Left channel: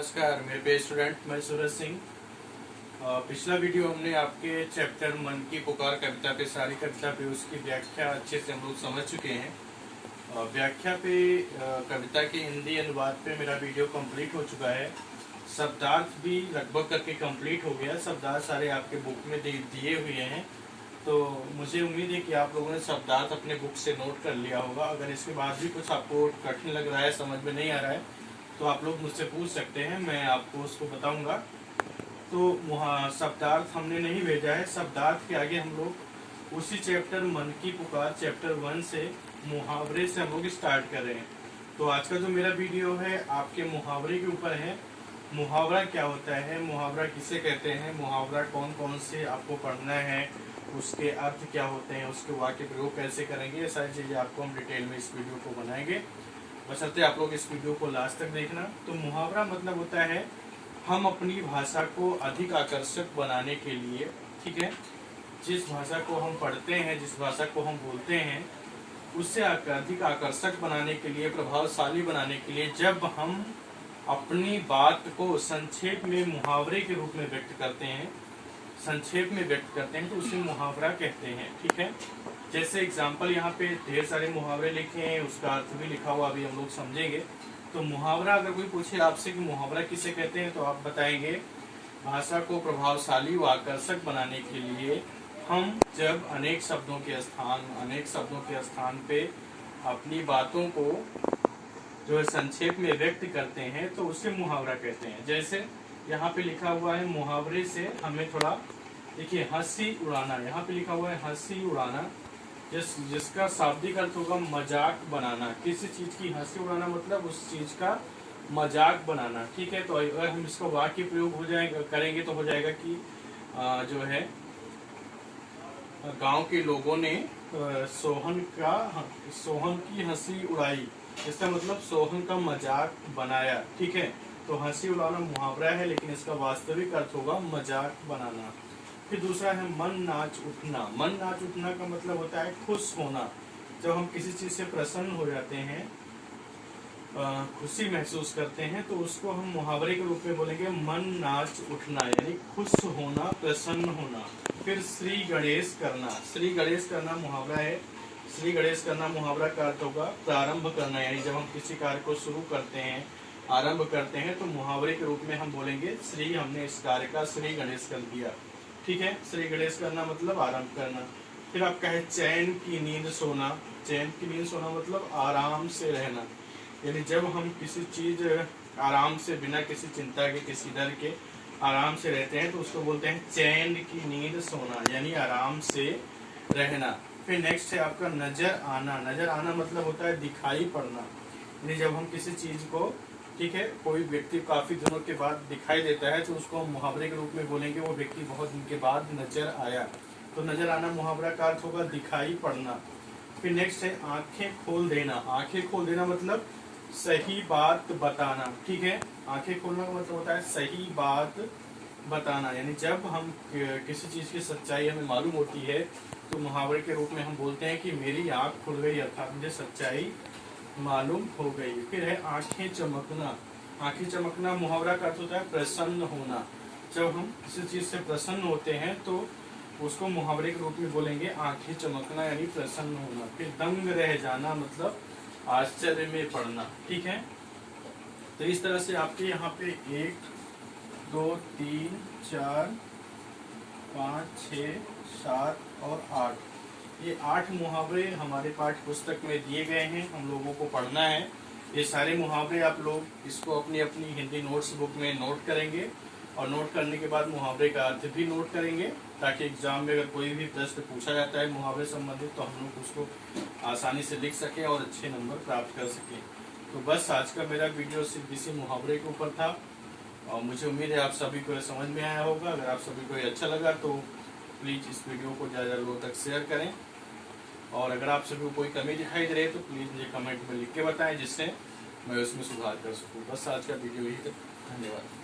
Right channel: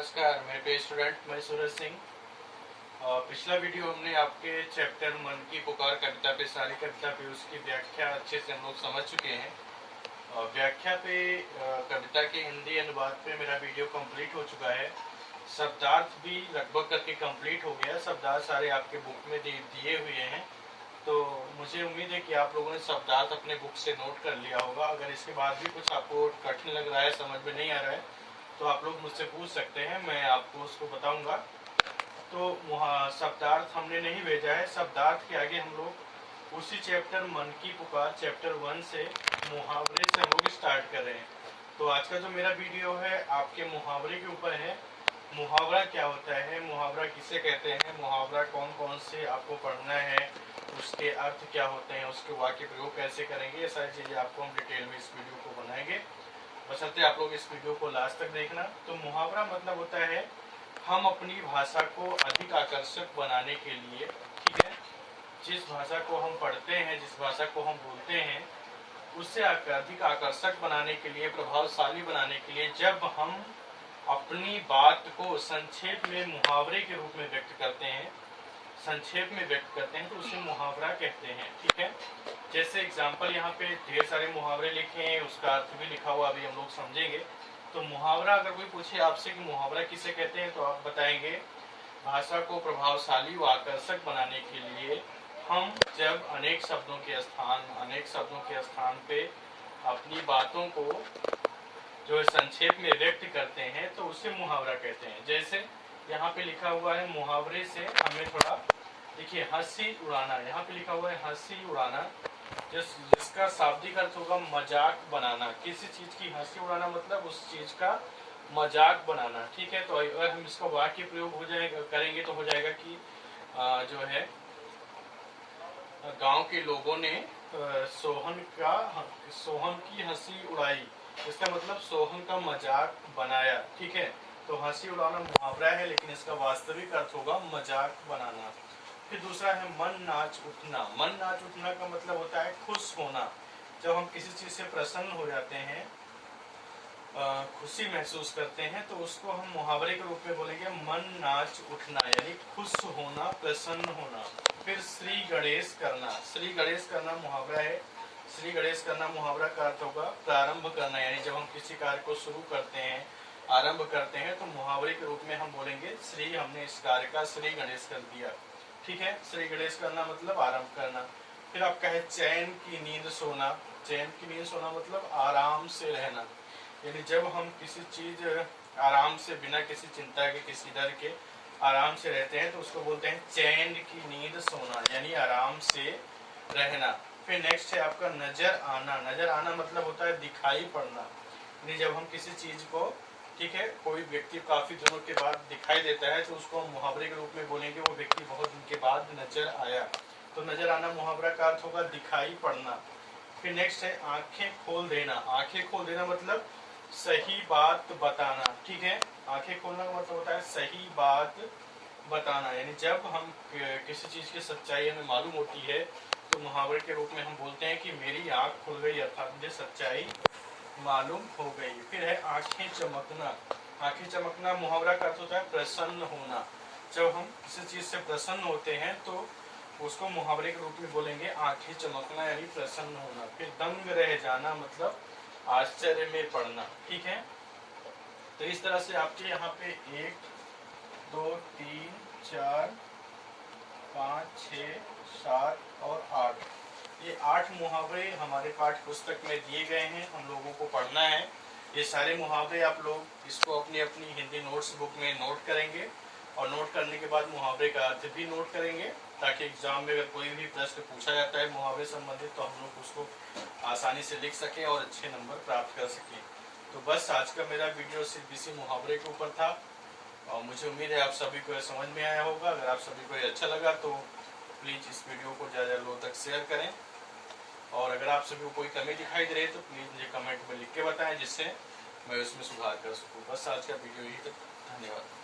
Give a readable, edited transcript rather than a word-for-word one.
नमस्कार मेरे प्रिय स्टूडेंट, मैं सूरज सिंह। पिछला वीडियो हमने आपके चैप्टर मन की पुकार कविता पे, सारी कविता पे उसकी व्याख्या अच्छे से हम लोग समझ चुके हैं। व्याख्या पे कविता के हिंदी अनुवाद पे मेरा वीडियो कंप्लीट हो चुका है। शब्दार्थ भी लगभग करके कंप्लीट हो गया। शब्दार्थ सारे आपके बुक में दिए हुए हैं, तो मुझे उम्मीद है कि आप लोगों ने शब्दार्थ अपने बुक से नोट कर लिया होगा। अगर इसके बाद भी कुछ आपको कठिन लग रहा है, समझ में नहीं आ रहा है, तो आप लोग मुझसे पूछ सकते हैं, मैं आपको उसको बताऊंगा। तो शब्दार्थ हमने नहीं भेजा है। शब्दार्थ के आगे हम लोग उसी चैप्टर मन की पुकार चैप्टर 1 से मुहावरे से हम लोग स्टार्ट कर रहे हैं। तो आज का जो मेरा वीडियो है आपके मुहावरे के ऊपर है। मुहावरा क्या होता है, मुहावरा किसे कहते हैं, मुहावरा कौन कौन से आपको पढ़ना है, उसके अर्थ क्या होते हैं, उसके वाक्य प्रयोग कैसे करेंगे, ये सारी चीज़ें आपको हम डिटेल में इस वीडियो को बनाएंगे। बशर्ते आप लोग इस वीडियो को लास्ट तक देखना। तो मुहावरा मतलब होता है हम अपनी भाषा को अधिक आकर्षक बनाने के लिए, ठीक है, जिस भाषा को हम पढ़ते हैं, जिस भाषा को हम बोलते हैं, उससे अधिक आकर्षक बनाने के लिए, प्रभावशाली बनाने के लिए जब हम अपनी बात को संक्षेप में मुहावरे के रूप में व्यक्त करते हैं, संक्षेप में व्यक्त करते हैं, तो उसे मुहावरा कहते हैं। ठीक है, जैसे एग्जाम्पल यहाँ पे ढेर सारे मुहावरे लिखे हैं, उसका अर्थ भी लिखा हुआ अभी हम लोग समझेंगे। तो मुहावरा अगर कोई पूछे आपसे कि मुहावरा किसे कहते हैं, तो आप बताएंगे भाषा को प्रभावशाली व आकर्षक बनाने के लिए हम जब अनेक शब्दों के स्थान पे अपनी बातों को जो है संक्षेप में व्यक्त करते हैं, तो उसे मुहावरा कहते हैं। जैसे यहाँ पे लिखा हुआ है मुहावरे से हमें थोड़ा देखिए, हंसी उड़ाना, यहाँ पे लिखा हुआ है हंसी उड़ाना, जिसका शाब्दिक अर्थ होगा मजाक बनाना। किसी चीज की हंसी उड़ाना मतलब उस चीज का मजाक बनाना। ठीक है, तो अगर हम इसका वाक्य प्रयोग हो जाएगा करेंगे तो हो जाएगा कि जो है गांव के लोगों ने सोहन की हंसी उड़ाई, इसका मतलब सोहन का मजाक बनाया। ठीक है, तो हंसी उड़ाना मुहावरा है, लेकिन इसका वास्तविक अर्थ होगा मजाक बनाना। फिर दूसरा है मन नाच उठना। मन नाच उठना का मतलब होता है खुश होना। जब हम किसी चीज से प्रसन्न हो जाते हैं, खुशी महसूस करते हैं, तो उसको हम मुहावरे के रूप में बोलेंगे मन नाच उठना, यानी खुश होना, प्रसन्न होना। फिर श्री गणेश करना। श्री गणेश करना मुहावरा है। श्री गणेश करना मुहावरा का अर्थ होगा प्रारंभ करना, यानी जब हम किसी कार्य को शुरू करते हैं, आरंभ करते हैं, तो मुहावरे के रूप में हम बोलेंगे श्री, हमने इस कार्य का श्री गणेश कर दिया। ठीक है, श्री गणेश करना मतलब आरंभ करना। फिर आपका है चैन की नींद सोना। चैन की नींद सोना मतलब आराम से रहना, यानी जब हम किसी चीज आराम से, बिना किसी चिंता के, किसी डर के आराम से रहते हैं, तो उसको बोलते हैं चैन की नींद सोना, यानी आराम से रहना। फिर नेक्स्ट है आपका नजर आना। नजर आना मतलब होता है दिखाई पड़ना, यानी जब हम किसी चीज को, ठीक है, कोई व्यक्ति काफी दिनों के बाद दिखाई देता है, तो उसको हम मुहावरे के रूप में बोलेंगे वो व्यक्ति बहुत दिन के बाद नजर आया। तो नजर आना मुहावरा का अर्थ होगा दिखाई पड़ना। फिर नेक्स्ट है आंखें खोल देना। आंखें खोल देना मतलब सही बात बताना। ठीक है, आंखें खोलना का मतलब होता है सही बात बताना, यानी जब हम किसी चीज की सच्चाई हमें मालूम होती है, तो मुहावरे के रूप में हम बोलते हैं कि मेरी आंख खुल गई, अर्थात मुझे सच्चाई मालूम हो गई। फिर है आंखें चमकना। आंखें चमकना मुहावरा का अर्थ होता है प्रसन्न होना। जब हम किसी चीज से प्रसन्न होते हैं, तो उसको मुहावरे के रूप में बोलेंगे आंखें चमकना, यानी प्रसन्न होना। फिर दंग रह जाना मतलब आश्चर्य में पड़ना। ठीक है, तो इस तरह से आपके यहाँ पे 1 2 3 4 5 6 7 और 8, ये 8 मुहावरे हमारे पाठ्य पुस्तक में दिए गए हैं, हम लोगों को पढ़ना है। ये सारे मुहावरे आप लोग इसको अपनी अपनी हिंदी नोट्स बुक में नोट करेंगे, और नोट करने के बाद मुहावरे का अर्थ भी नोट करेंगे, ताकि एग्जाम में अगर कोई भी प्रश्न पूछा जाता है मुहावरे संबंधित, तो हम लोग उसको आसानी से लिख सकें और अच्छे नंबर प्राप्त कर सकें। तो बस आज का मेरा वीडियो सिर्फ इसी मुहावरे के ऊपर था, और मुझे उम्मीद है आप सभी को समझ में आया होगा। अगर आप सभी को अच्छा लगा तो प्लीज़ इस वीडियो को ज़्यादा लोगों तक शेयर करें, और अगर आप सभी को कोई कमी दिखाई दे रही है तो प्लीज़ मुझे कमेंट में लिख के बताएं, जिससे मैं उसमें सुधार कर सकूं। बस आज का वीडियो यही तक, धन्यवाद।